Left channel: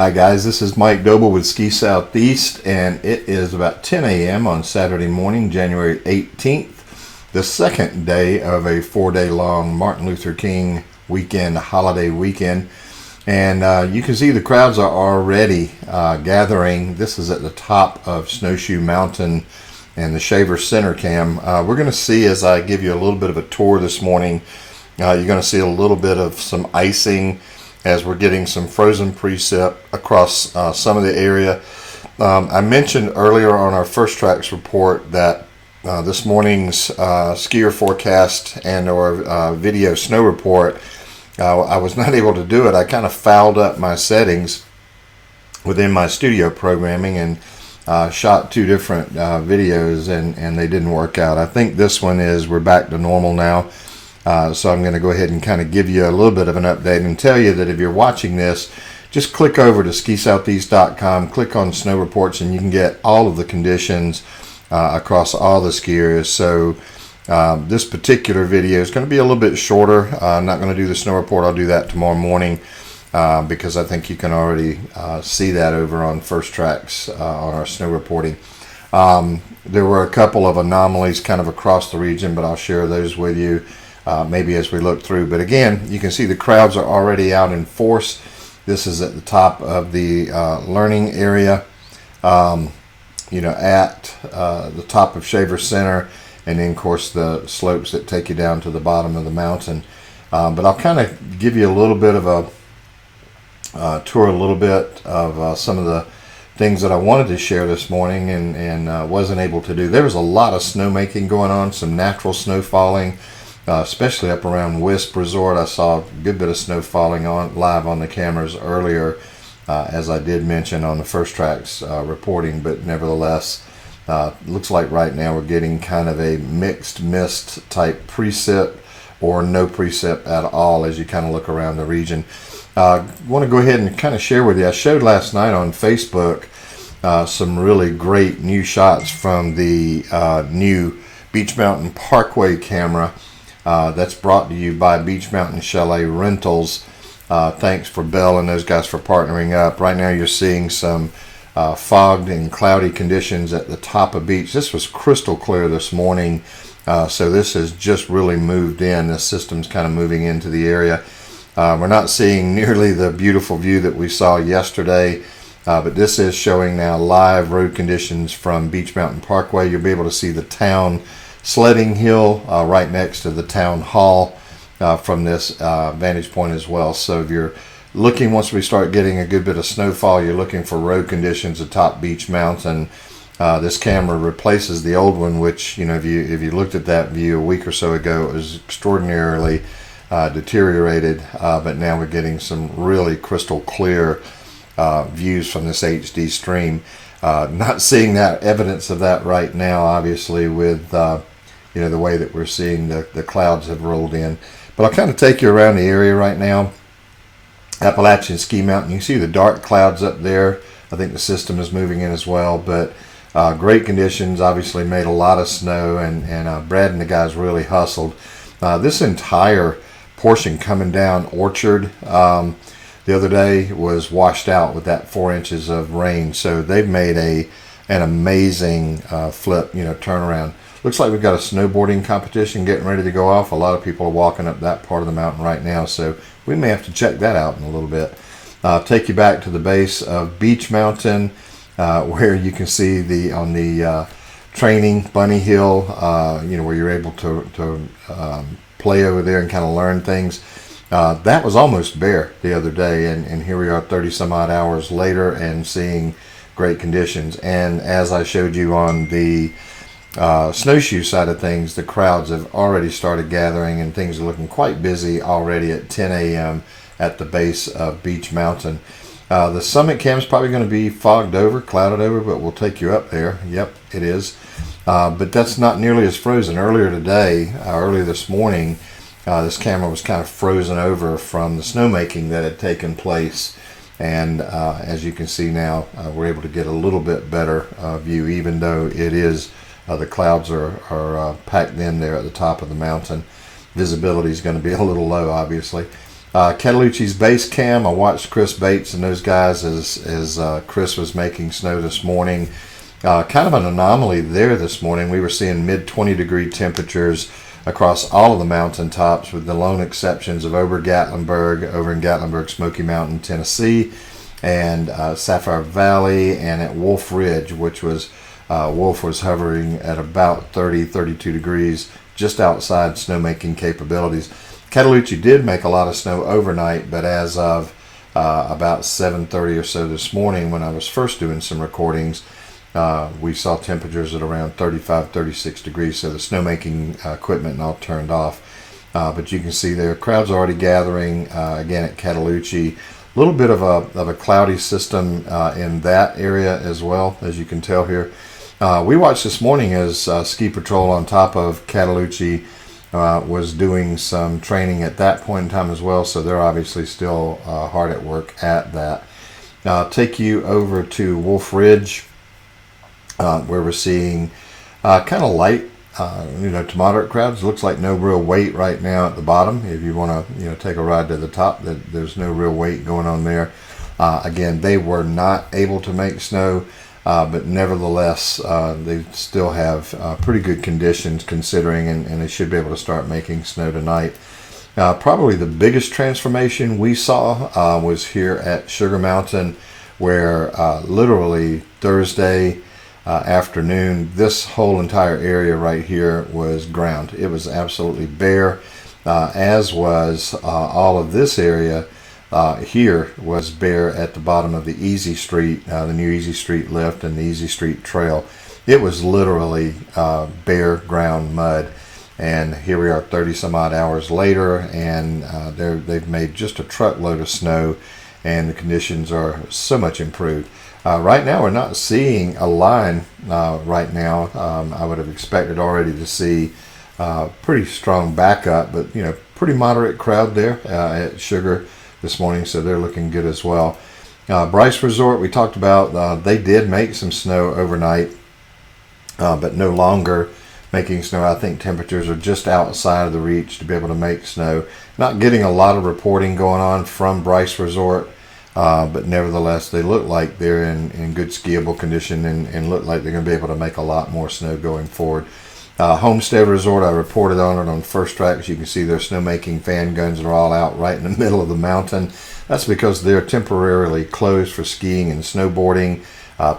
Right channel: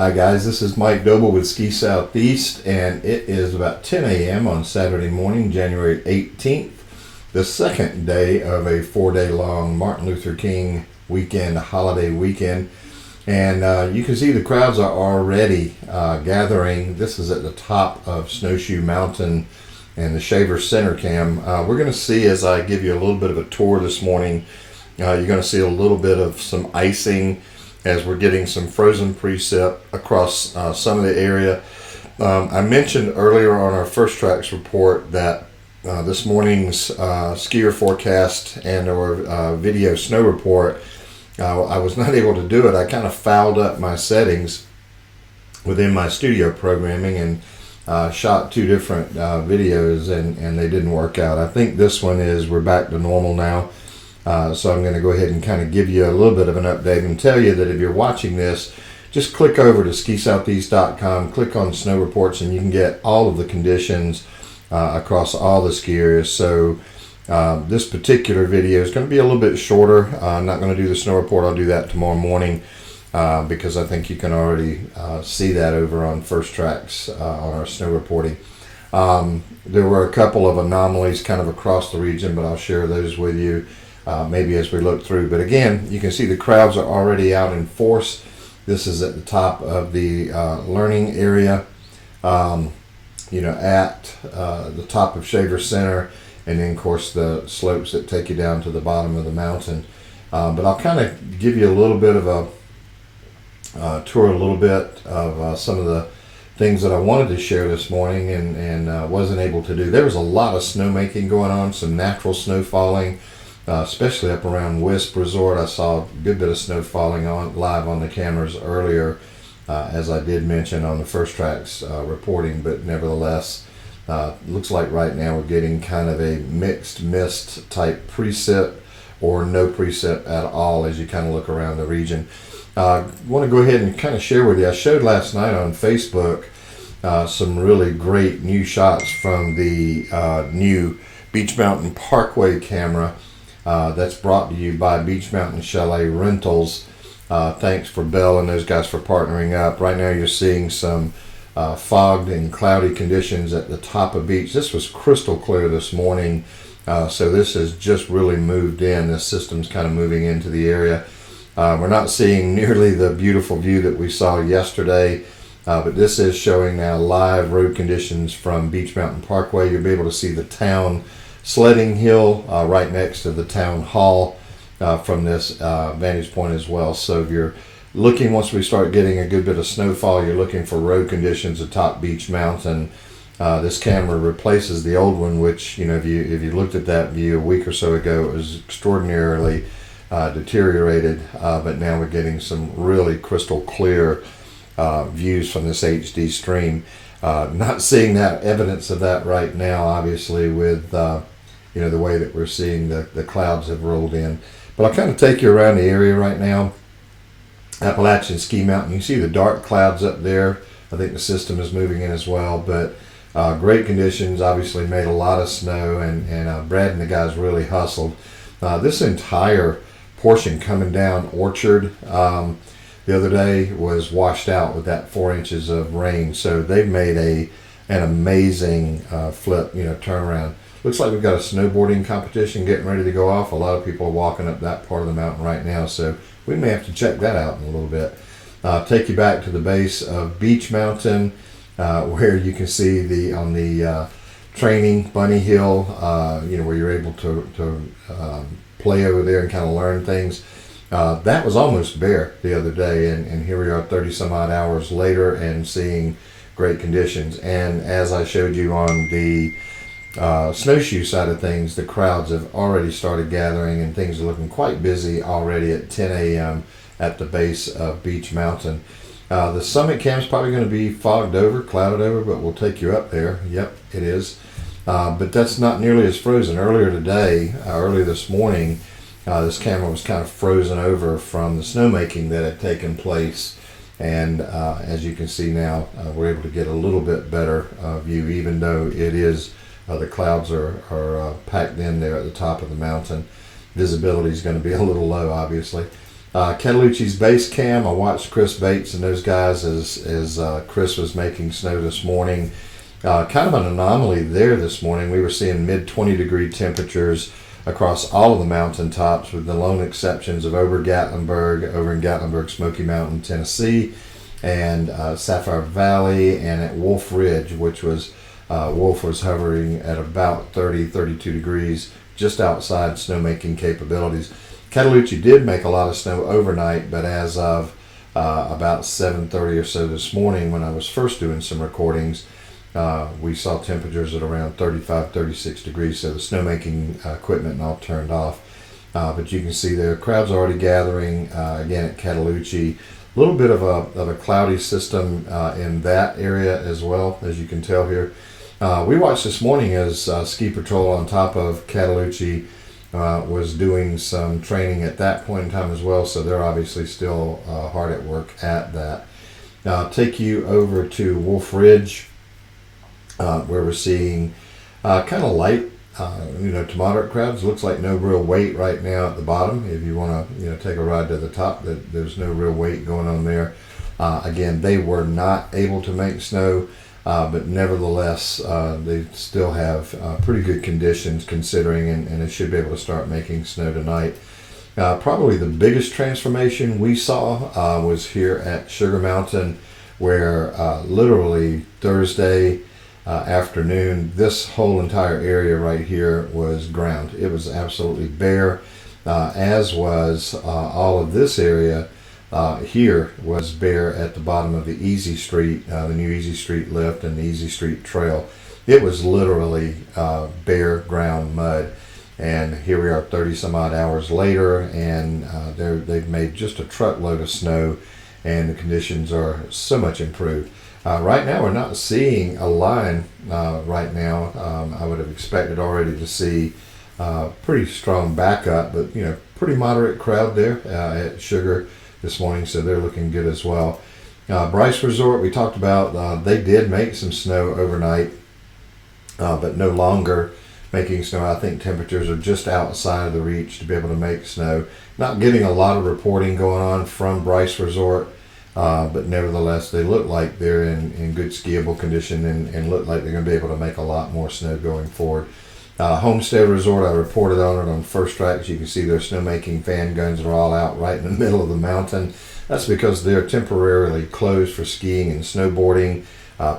Hi guys, this is Mike Doble with Ski Southeast, and it is about 10 a.m. on Saturday morning, January 18th, the second day of a 4-day long Martin Luther King weekend, holiday weekend. And you can see the crowds are already gathering. This is at the top of Snowshoe Mountain and the Shaver Center Cam. We're going to see, as I give you a little bit of a tour this morning, you're going to see a little bit of some icing as we're getting some frozen precip across some of the area. I mentioned earlier on our First Tracks report that this morning's skier forecast and or video snow report, I was not able to do it. I kind of fouled up my settings within my studio programming and shot two different videos and they didn't work out. I think this one is, we're back to normal now. So I'm going to go ahead and kind of give you a little bit of an update and tell you that if you're watching this, just click over to skisoutheast.com, click on snow reports, and you can get all of the conditions across all the ski areas. So this particular video is going to be a little bit shorter. I'm not going to do the snow report. I'll do that tomorrow morning because I think you can already see that over on First Tracks on our snow reporting. There were a couple of anomalies kind of across the region, but I'll share those with you maybe as we look through. But again, you can see the crowds are already out in force. This is at the top of the learning area, at the top of Shaver Center, and then of course the slopes that take you down to the bottom of the mountain. But I'll kind of give you a little bit of a tour, a little bit of some of the things that I wanted to share this morning and wasn't able to do. There was a lot of snowmaking going on, some natural snow falling, especially up around Wisp Resort. I saw a good bit of snow falling on live on the cameras earlier, as I did mention on the First Tracks reporting, but nevertheless, looks like right now we're getting kind of a mixed mist type precip or no precip at all as you kind of look around the region. I want to go ahead and kind of share with you. I showed last night on Facebook some really great new shots from the new Beech Mountain Parkway camera that's brought to you by Beech Mountain Chalet Rentals. Thanks for Bell and those guys for partnering up. Right now you're seeing some fogged and cloudy conditions at the top of Beech. This was crystal clear this morning, so this has just really moved in. This system's kind of moving into the area. We're not seeing nearly the beautiful view that we saw yesterday, but this is showing now live road conditions from Beech Mountain Parkway. You'll be able to see the town sledding hill right next to the town hall from this vantage point as well. So if you're looking, once we start getting a good bit of snowfall, you're looking for road conditions atop Beech Mountain. This camera replaces the old one, which, if you looked at that view a week or so ago, it was extraordinarily deteriorated, but now we're getting some really crystal clear views from this HD stream. Not seeing that evidence of that right now, obviously, with the way that we're seeing the clouds have rolled in. But I'll kind of take you around the area right now. Appalachian Ski Mountain, you can see the dark clouds up there. I think the system is moving in as well, but great conditions. Obviously made a lot of snow, and Brad and the guys really hustled. This entire portion coming down Orchard the other day was washed out with that 4 inches of rain, so they've made an amazing flip, turnaround. Looks like we've got a snowboarding competition getting ready to go off. A lot of people are walking up that part of the mountain right now, so we may have to check that out in a little bit. Take you back to the base of Beech Mountain, where you can see on the training Bunny Hill, where you're able to play over there and kind of learn things. That was almost bare the other day, and here we are 30 some odd hours later and seeing great conditions. And as I showed you on the snowshoe side of things, the crowds have already started gathering and things are looking quite busy already at 10 a.m. at the base of Beech Mountain. The summit camp is probably going to be fogged over, clouded over, but we'll take you up there. Yep, it is. But that's not nearly as frozen. Earlier this morning, this camera was kind of frozen over from the snowmaking that had taken place. And as you can see now, we're able to get a little bit better view, even though it is the clouds are packed in there at the top of the mountain. Visibility is going to be a little low, obviously. Catalucci's base cam, I watched Chris Bates and those guys as Chris was making snow this morning. Kind of an anomaly there this morning. We were seeing mid 20 degree temperatures across all of the mountaintops, with the lone exceptions of over in Gatlinburg, Smoky Mountain, Tennessee, and Sapphire Valley, and at Wolf Ridge, which was Wolf was hovering at about 32 degrees, just outside snowmaking capabilities. Catalucci did make a lot of snow overnight, but as of about 7:30 or so this morning, when I was first doing some recordings, we saw temperatures at around 35, 36 degrees, so the snowmaking equipment and all turned off. But you can see there, crowds already gathering again at Catalucci. A little bit of a cloudy system in that area as well, as you can tell here. We watched this morning as Ski Patrol on top of Catalucci was doing some training at that point in time as well, so they're obviously still hard at work at that. Now I'll take you over to Wolf Ridge, where we're seeing kind of light, to moderate crowds. Looks like no real weight right now at the bottom. If you want to, take a ride to the top, there's no real weight going on there. Again, they were not able to make snow, but nevertheless, they still have pretty good conditions considering, and they should be able to start making snow tonight. Probably the biggest transformation we saw was here at Sugar Mountain, where literally Thursday afternoon, this whole entire area right here was ground. It was absolutely bare, as was all of this area here was bare at the bottom of the Easy Street, the new Easy Street lift and the Easy Street trail. It was literally bare ground mud. And here we are 30 some odd hours later, and they've made just a truckload of snow, and the conditions are so much improved. Right now, we're not seeing a line right now. I would have expected already to see pretty strong backup, but pretty moderate crowd there at Sugar this morning, so they're looking good as well. Bryce Resort, we talked about, they did make some snow overnight, but no longer making snow. I think temperatures are just outside of the reach to be able to make snow. Not getting a lot of reporting going on from Bryce Resort, but nevertheless, they look like they're in good skiable condition and look like they're going to be able to make a lot more snow going forward. Homestead Resort, I reported on it on First Track. As you can see, their snowmaking fan guns are all out right in the middle of the mountain. That's because they're temporarily closed for skiing and snowboarding.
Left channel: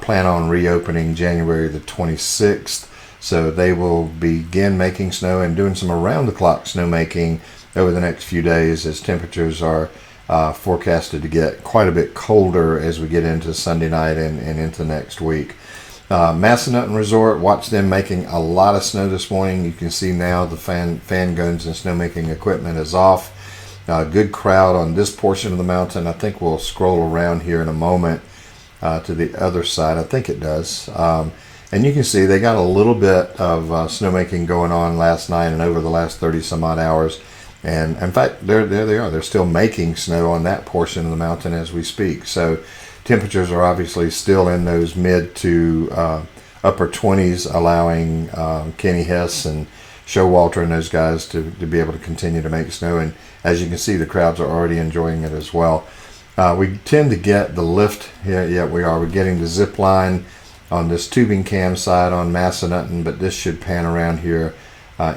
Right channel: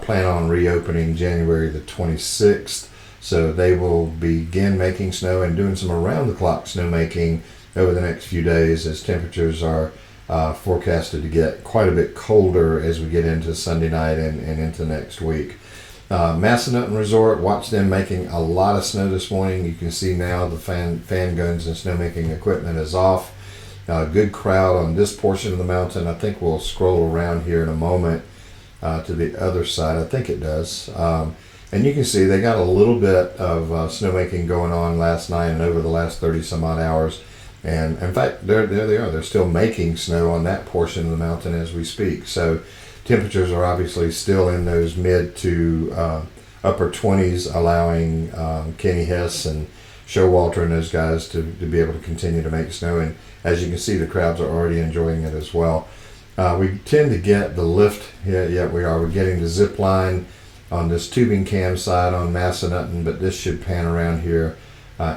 Plan on reopening January the 26th. So they will begin making snow and doing some around-the-clock snowmaking over the next few days, as temperatures are forecasted to get quite a bit colder as we get into Sunday night and into next week. Massanutten Resort, watched them making a lot of snow this morning. You can see now the fan guns and snowmaking equipment is off. Good crowd on this portion of the mountain. I think we'll scroll around here in a moment to the other side. I think it does. And you can see they got a little bit of snowmaking going on last night and over the last 30 some odd hours. And in fact, there they are. They're still making snow on that portion of the mountain as we speak. So temperatures are obviously still in those mid to upper 20s, allowing Kenny Hess and Showalter and those guys to be able to continue to make snow. And as you can see, the crowds are already enjoying it as well. We tend to get the lift. Yeah, we are. We're getting the zip line on this tubing cam side on Massanutten, but this should pan around here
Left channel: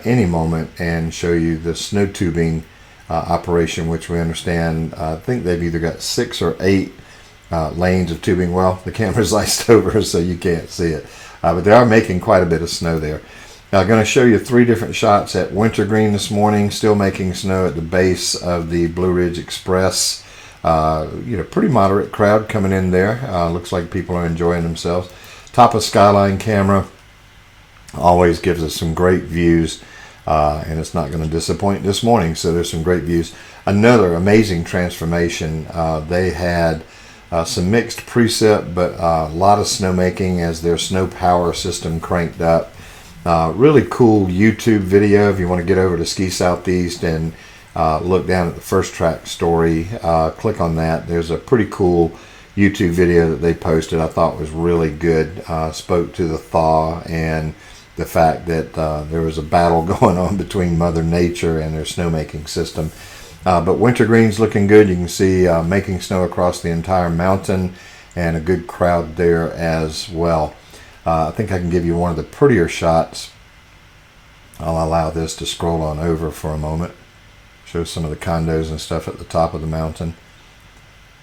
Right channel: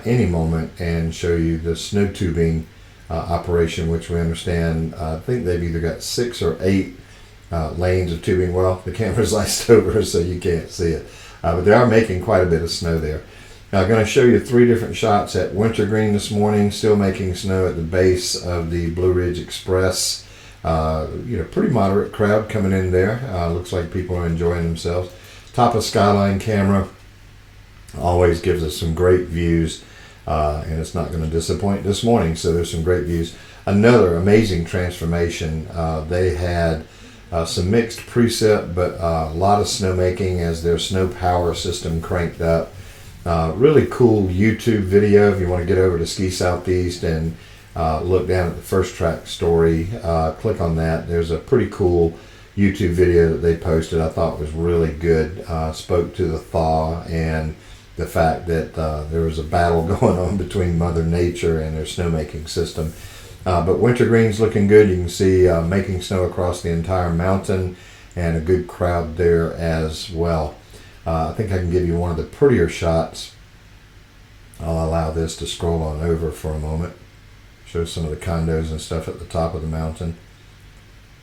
any moment and show you the snow tubing operation, which we understand. I think they've either got 6 or 8 lanes of tubing. Well, the camera's iced over, so you can't see it. But they are making quite a bit of snow there. Now, I'm going to show you 3 different shots at Wintergreen this morning, still making snow at the base of the Blue Ridge Express. Pretty moderate crowd coming in there. Looks like people are enjoying themselves. Top of Skyline camera always gives us some great views, and it's not going to disappoint this morning, so there's some great views. Another amazing transformation. They had some mixed precip, but a lot of snowmaking as their snow power system cranked up. Really cool YouTube video if you want to get over to Ski Southeast and look down at the First Track story. Click on that. There's a pretty cool YouTube video that they posted. I thought was really good. Spoke to the thaw and the fact that there was a battle going on between Mother Nature and their snowmaking system. But wintergreen's looking good. You can see making snow across the entire mountain, and a good crowd there as well. I think I can give you one of the prettier shots. I'll allow this to scroll on over for a moment. Show some of the condos and stuff at the top of the mountain.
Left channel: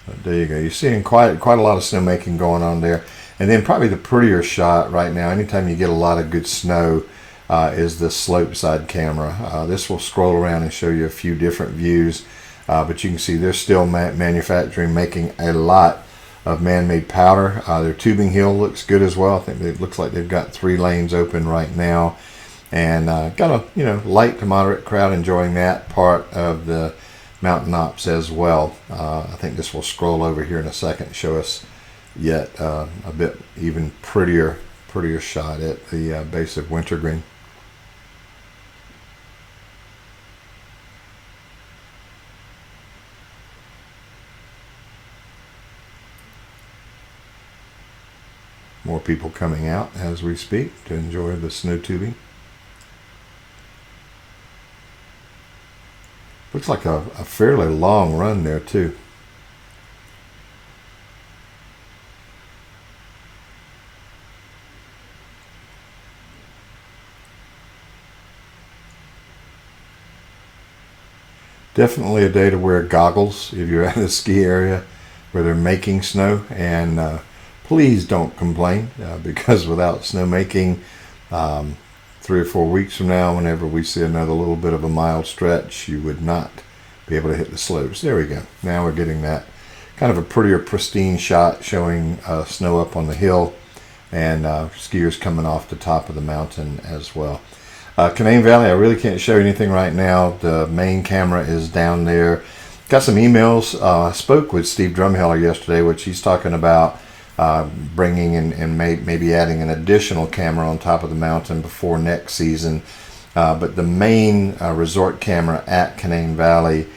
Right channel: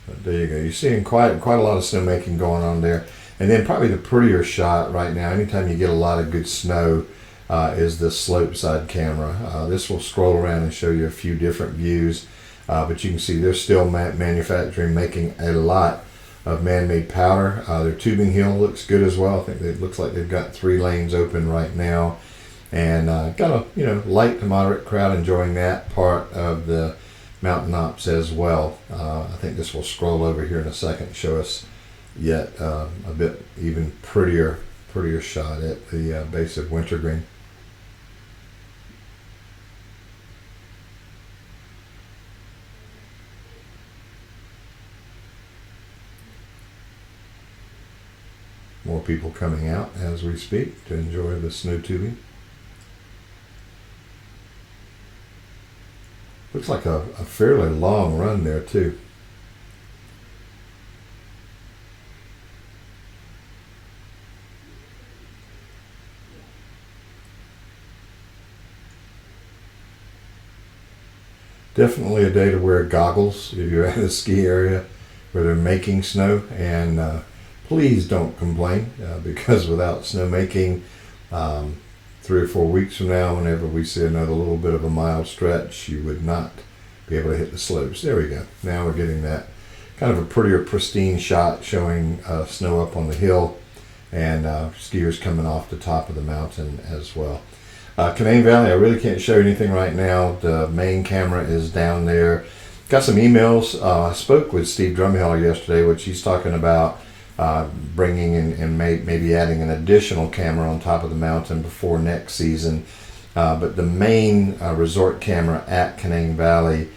But there you go. You're seeing quite a lot of snowmaking going on there. And then probably the prettier shot right now, anytime you get a lot of good snow, is the slope side camera. This will scroll around and show you a few different views. But you can see they're still manufacturing, making a lot of man-made powder. Their tubing hill looks good as well. I think it looks like they've got 3 lanes open right now. And got a light to moderate crowd enjoying that part of the mountain ops as well. I think this will scroll over here in a second and show us yet a bit even prettier shot at the base of Wintergreen. More people coming out as we speak to enjoy the snow tubing. Looks like a fairly long run there too. Definitely a day to wear goggles if you're at a ski area where they're making snow, and please don't complain because without snowmaking, 3 or 4 weeks from now, whenever we see another little bit of a mild stretch, you would not be able to hit the slopes. There we go. Now we're getting that kind of a prettier, pristine shot showing snow up on the hill and skiers coming off the top of the mountain as well. Canaan Valley, I really can't show you anything right now. The main camera is down there. Got some emails. I spoke with Steve Drumheller yesterday, which he's talking about bringing in and maybe adding an additional camera on top of the mountain before next season. But the main resort camera at Canaan Valley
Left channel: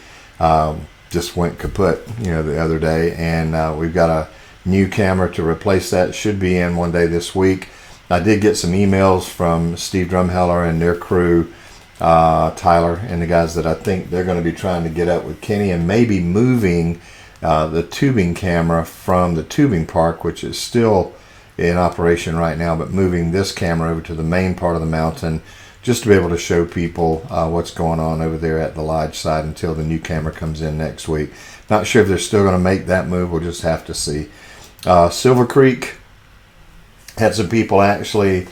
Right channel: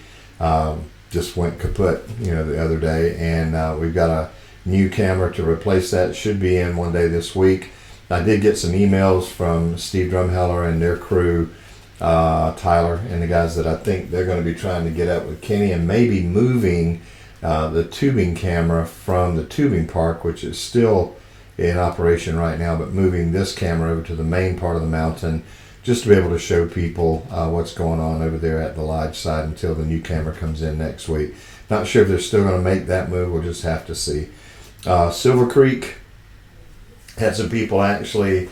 just went kaput, the other day, and we've got a new camera to replace that. Should be in one day this week. I did get some emails from Steve Drumheller and their crew, Tyler and the guys, that I think they're going to be trying to get up with Kenny and maybe moving the tubing camera from the tubing park, which is still in operation right now, but moving this camera over to the main part of the mountain just to be able to show people what's going on over there at the lodge side until the new camera comes in next week. Not sure if they're still going to make that move. We'll just have to see. Silver Creek had some people actually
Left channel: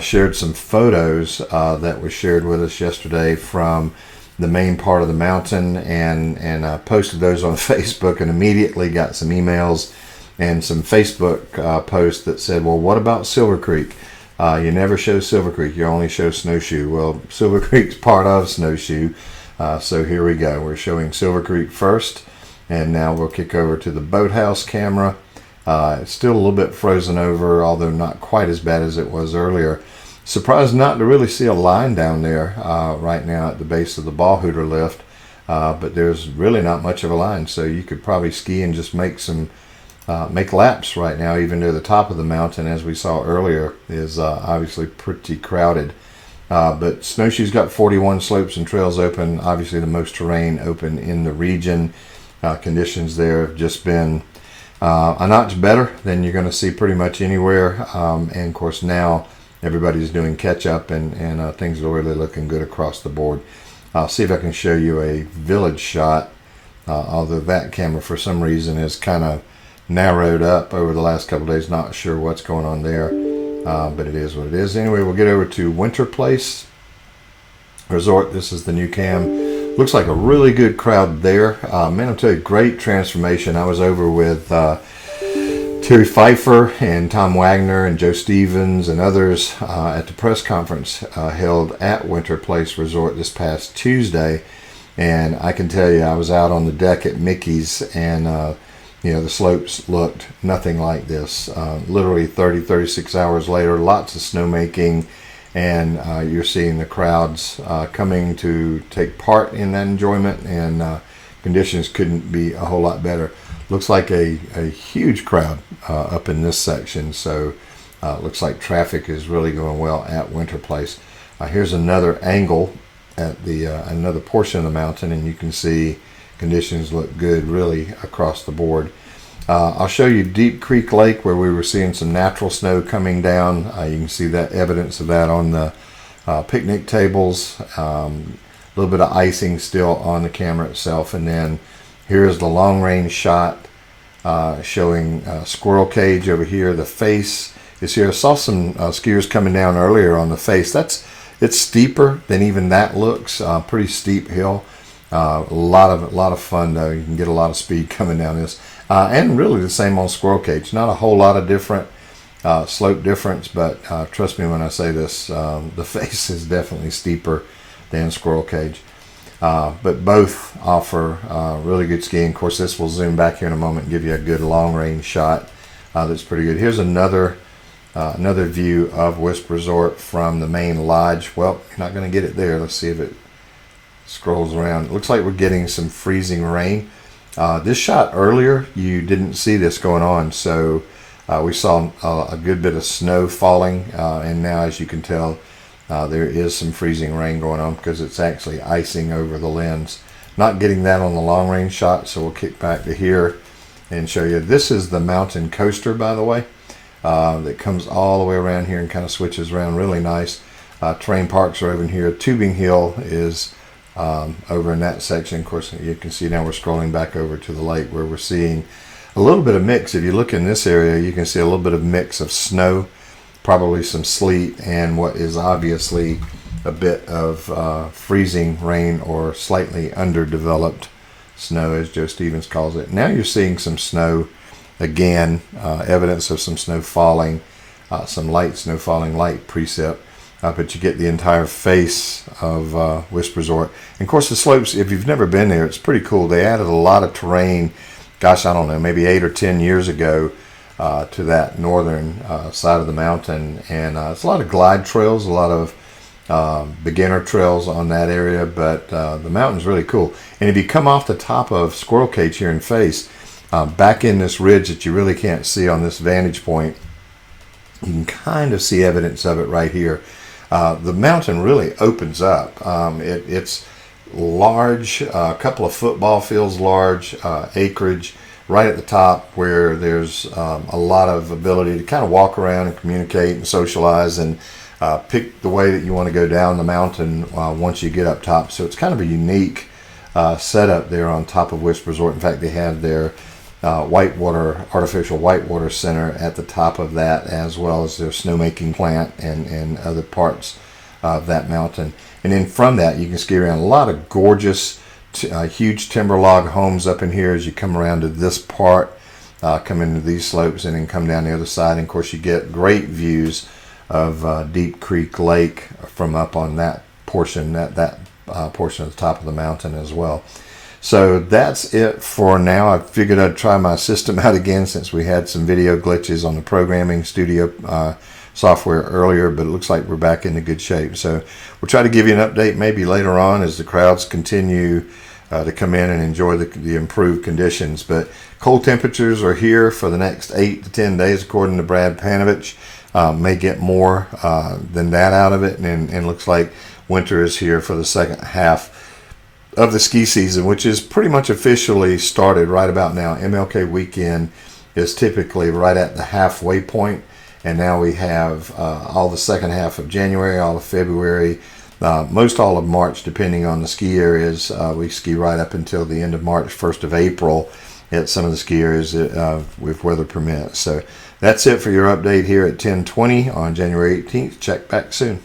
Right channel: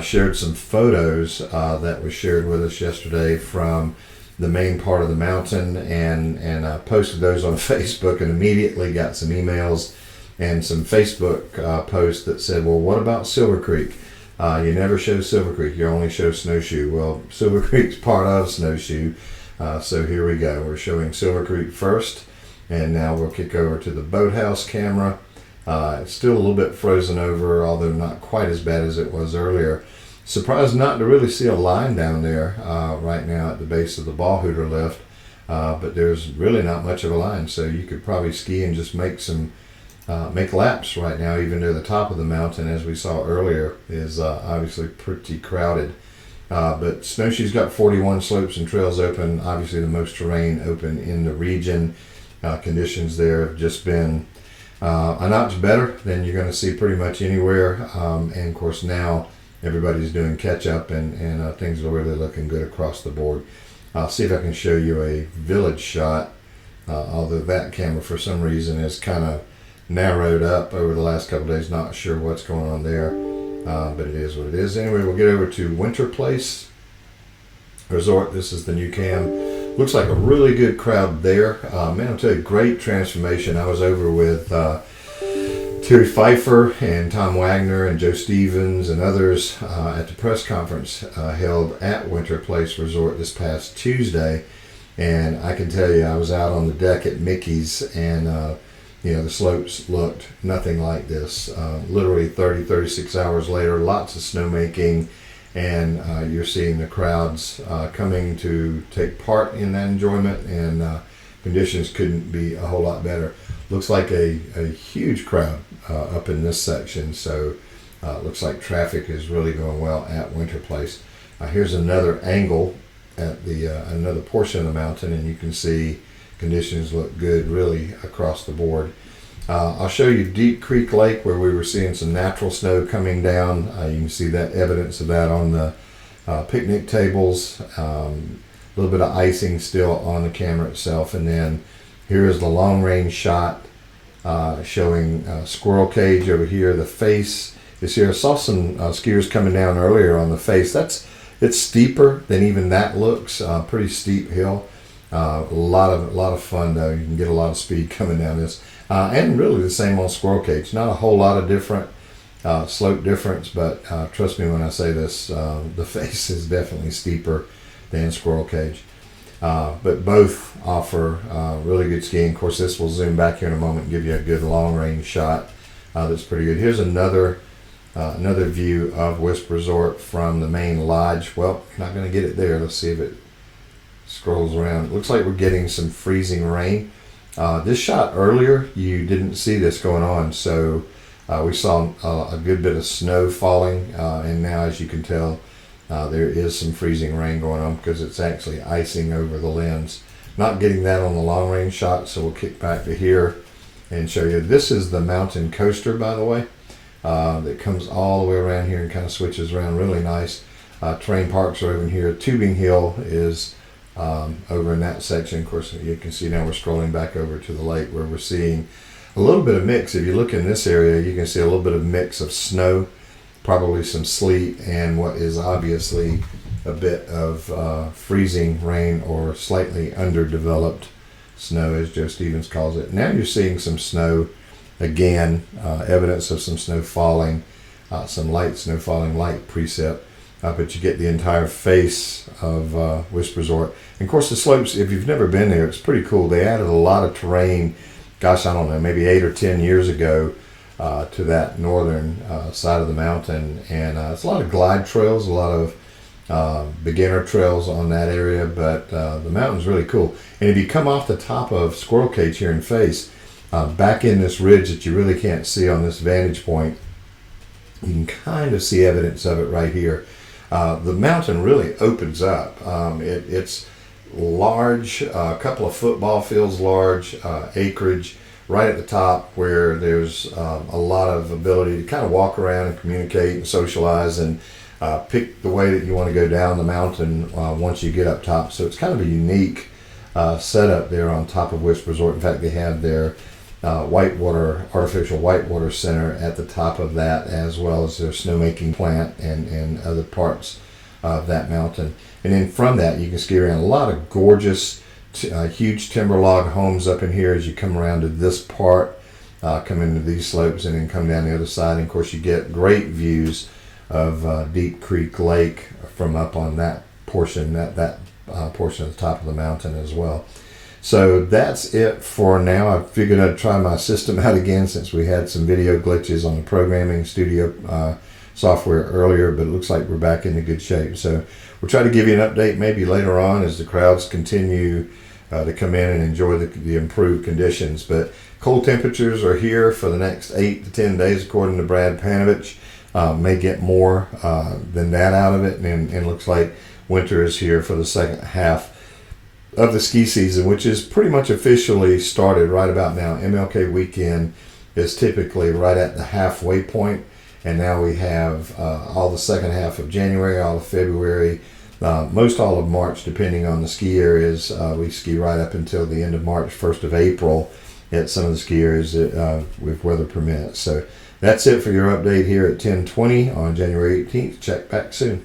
shared some photos that was shared with us yesterday from the main part of the mountain, and posted those on Facebook, and immediately got some emails and some Facebook posts that said, well, what about Silver Creek? You never show Silver Creek, you only show Snowshoe. Well, Silver Creek's part of Snowshoe, so here we go. We're showing Silver Creek first, and now we'll kick over to the boathouse camera. It's still a little bit frozen over, although not quite as bad as it was earlier. Surprised not to really see a line down there right now at the base of the Ballhooter lift, but there's really not much of a line, so you could probably ski and just make laps right now, even near the top of the mountain, as we saw earlier, is obviously pretty crowded. But Snowshoe's got 41 slopes and trails open, obviously the most terrain open in the region. Conditions there have just been a notch better than you're going to see pretty much anywhere, and of course now everybody's doing catch up, and things are really looking good across the board. I'll see if I can show you a village shot, although that camera for some reason is kind of narrowed up over the last couple of days. Not sure what's going on there, but it is what it is. Anyway, we'll get over to Winter Place Resort. This is the new cam. Looks like a really good crowd there. Man, I'll tell you, great transformation. I was over with Terry Pfeiffer and Tom Wagner and Joe Stevens and others at the press conference held at Winter Place Resort this past Tuesday. And I can tell you, I was out on the deck at Mickey's, and the slopes looked nothing like this. Literally 36 hours later, lots of snowmaking, and you're seeing the crowds coming to take part in that enjoyment, and conditions couldn't be a whole lot better. Looks like a huge crowd up in this section, so looks like traffic is really going well at Winter Place. Here's another angle at the another portion of the mountain, and you can see conditions look good really across the board. I'll show you Deep Creek Lake, where we were seeing some natural snow coming down. You can see that evidence of that on the picnic tables. A little bit of icing still on the camera itself. And then here's the long range shot showing squirrel cage over here. The face is here. I saw some skiers coming down earlier on the face. It's steeper than even that looks. Pretty steep hill. A lot of fun though. You can get a lot of speed coming down this. And really the same on squirrel cage. Not a whole lot of different slope difference, but trust me when I say this, the face is definitely steeper than squirrel cage. But both offer really good skiing. Of course, this will zoom back here in a moment and give you a good long range shot that's pretty good. Here's another view of Wisp Resort from the main lodge. Well, you're not going to get it there. Let's see if it scrolls around. It looks like we're getting some freezing rain. This shot earlier, you didn't see this going on, so we saw a good bit of snow falling, and now, as you can tell, there is some freezing rain going on because it's actually icing over the lens. Not getting that on the long range shot, so we'll kick back to here and show you. This is the mountain coaster, by the way, that comes all the way around here and kind of switches around really nice. Terrain parks are over in here. Tubing Hill is over in that section. Of course, you can see now we're scrolling back over to the lake where we're seeing a little bit of mix. If you look in this area, you can see a little bit of mix of snow, probably some sleet, and what is obviously a bit of freezing rain or slightly underdeveloped snow, as Joe Stevens calls it. Now you're seeing some snow again, evidence of some snow falling, some light snow falling, light precip. But you get the entire face of Wisp Resort. And of course the slopes, if you've never been there, it's pretty cool. They added a lot of terrain, gosh, I don't know, maybe 8 or 10 years ago to that northern side of the mountain. And it's a lot of glide trails, a lot of beginner trails on that area, but the mountain's really cool. And if you come off the top of Squirrel Cage here in Face, back in this ridge that you really can't see on this vantage point, you can kind of see evidence of it right here. The mountain really opens up. It's large, a couple of football fields large, acreage right at the top where there's a lot of ability to kind of walk around and communicate and socialize and pick the way that you want to go down the mountain once you get up top. So it's kind of a unique setup there on top of Wisp Resort. In fact, they have their artificial whitewater center at the top of that, as well as their snowmaking plant and other parts of that mountain. And then from that, you can ski around. A lot of gorgeous, huge timber log homes up in here as you come around to this part, come into these slopes, and then come down the other side. And of course, you get great views of Deep Creek Lake from up on that portion, that portion of the top of the mountain as well. So that's it for now. I figured I'd try my system out again since we had some video glitches on the programming studio software earlier, but it looks like we're back into good shape. So we'll try to give you an update maybe later on as the crowds continue to come in and enjoy the improved conditions. But cold temperatures are here for the next 8 to 10 days, according to Brad Panovich. May get more than that out of it, and looks like winter is here for the second half of the ski season, which is pretty much officially started right about now. MLK weekend is typically right at the halfway point, and now we have all the second half of January, all of February, most all of March, depending on the ski areas. We ski right up until the end of March, 1st of April at some of the ski areas with weather permits. So that's it for your update here at 10:20 on January 18th. Check back soon.